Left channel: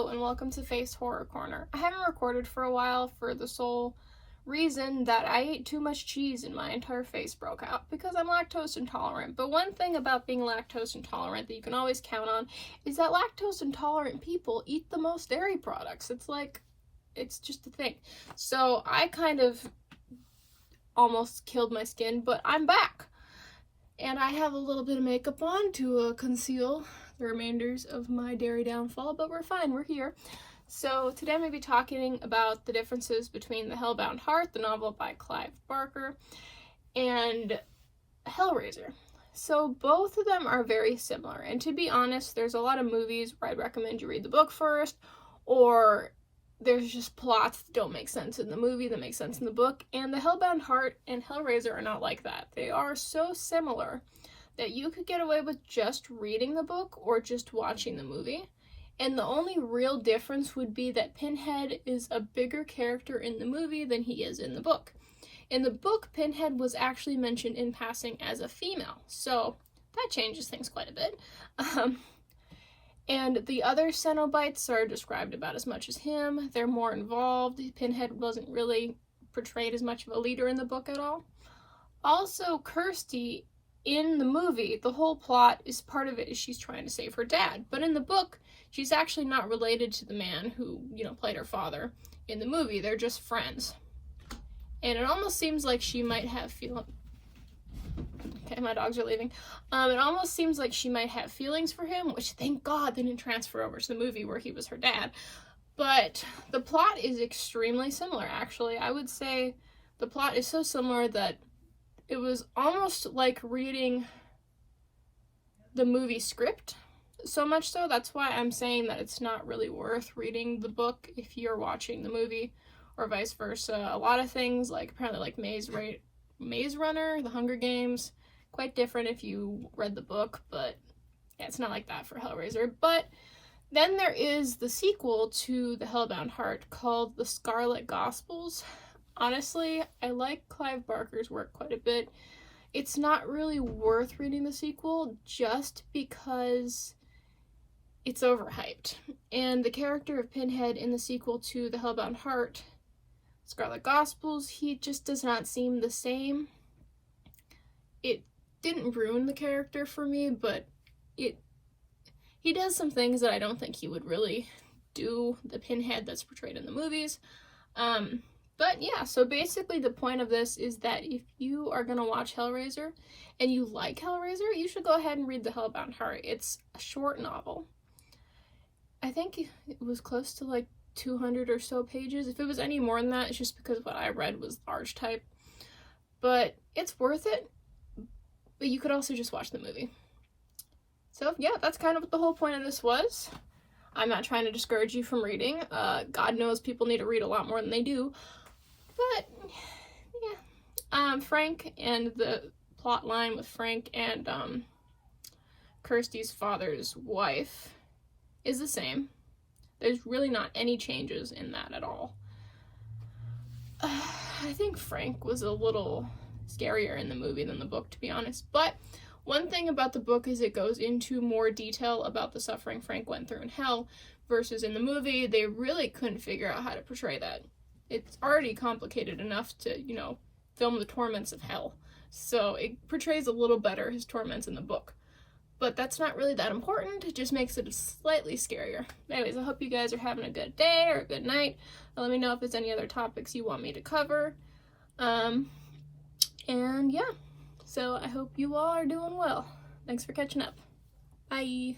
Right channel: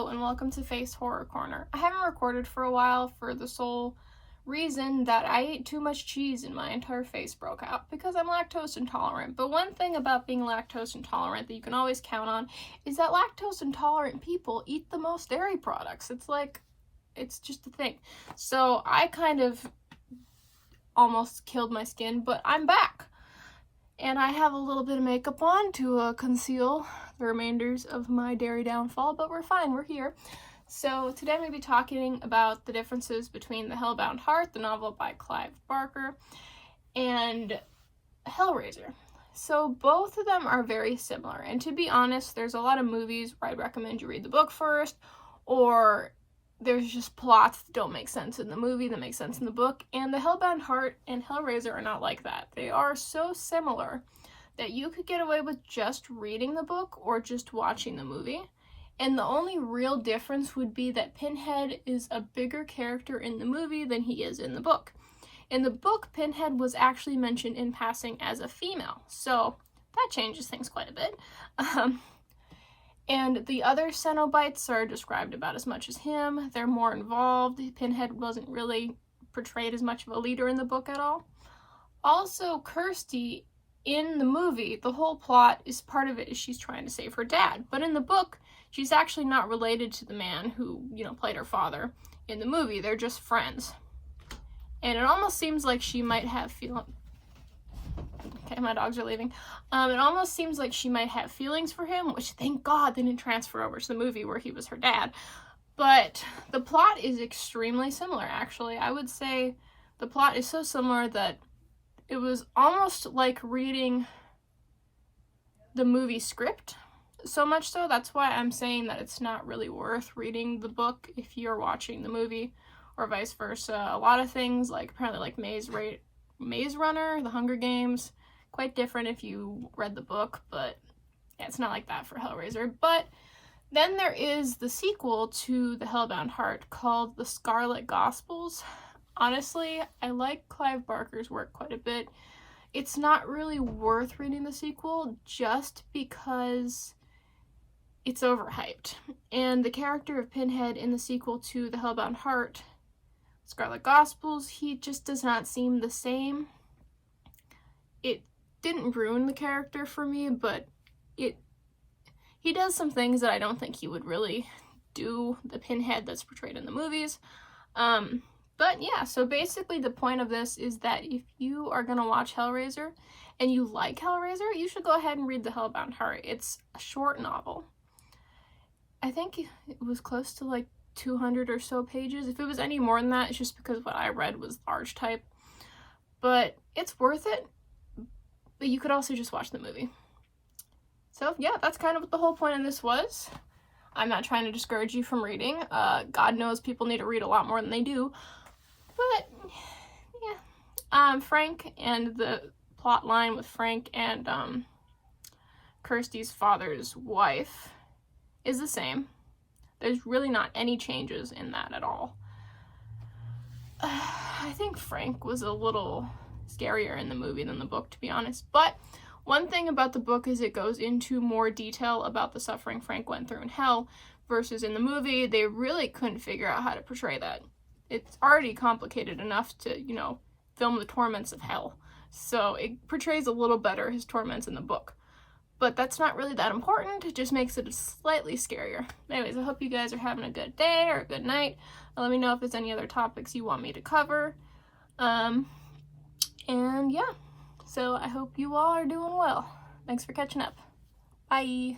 Hello and welcome to Face Horror Corner. I haven't recorded for a while for the sole reason that I ate too much cheese and my entire face broke out because I'm lactose intolerant. But one thing about being lactose intolerant that you can always count on is that lactose intolerant people eat the most dairy products. It's just a thing. So I kind of almost killed my skin, but I'm back. And I have a little bit of makeup on to conceal the remainders of my dairy downfall, but we're fine, we're here. So today I'm going to be talking about the differences between the Hellbound Heart, the novel by Clive Barker, and Hellraiser. So both of them are very similar, and to be honest, there's a lot of movies where I'd recommend you read the book first, or there's just plots that don't make sense in the movie that make sense in the book, and the Hellbound Heart and Hellraiser are not like that. They are so similar that you could get away with just reading the book or just watching the movie. And the only real difference would be that Pinhead is a bigger character in the movie than he is in the book. In the book, Pinhead was actually mentioned in passing as a female, so that changes things quite a bit. And the other Cenobites are described about as much as him. They're more involved. Pinhead wasn't really portrayed as much of a leader in the book at all. Also, Kirsty, in the movie, the whole plot is part of it is she's trying to save her dad. But in the book, she's actually not related to the man who, played her father in the movie. They're just friends. And it almost seems like she might have Okay, my dogs are leaving. It almost seems like she might have feelings for him, which thank God they didn't transfer over to the movie where he was her dad. But the plot is extremely similar, actually. I would say the plot is so similar that it was almost like reading the movie script. So much so, that's why I'm saying that it's not really worth reading the book if you're watching the movie, or vice versa. A lot of things, apparently Maze Runner, The Hunger Games, quite different if you read the book, but yeah, it's not like that for Hellraiser. But then there is the sequel to the Hellbound Heart called The Scarlet Gospels. Honestly, I like Clive Barker's work quite a bit. It's not really worth reading the sequel just because it's overhyped. And the character of Pinhead in the sequel to the Hellbound Heart, Scarlet Gospels, he just does not seem the same. It didn't ruin the character for me, but he does some things that I don't think he would really do the Pinhead that's portrayed in the movies. But yeah, so basically the point of this is that if you are gonna watch Hellraiser and you like Hellraiser, you should go ahead and read the Hellbound Heart. It's a short novel. I think it was close to 200 or so pages. If it was any more than that, it's just because what I read was large type. But it's worth it. But you could also just watch the movie. So yeah, that's kind of what the whole point of this was. I'm not trying to discourage you from reading. God knows people need to read a lot more than they do. But yeah, Frank and the plot line with Frank and Kirsty's father's wife is the same. There's really not any changes in that at all. I think Frank was a little scarier in the movie than the book, to be honest. But one thing about the book is it goes into more detail about the suffering Frank went through in hell, versus in the movie, they really couldn't figure out how to portray that. It's already complicated enough to, film the torments of hell. So it portrays a little better his torments in the book. But that's not really that important. It just makes it slightly scarier. Anyways, I hope you guys are having a good day or a good night. And let me know if there's any other topics you want me to cover. And yeah, so I hope you all are doing well. Thanks for catching up. Bye.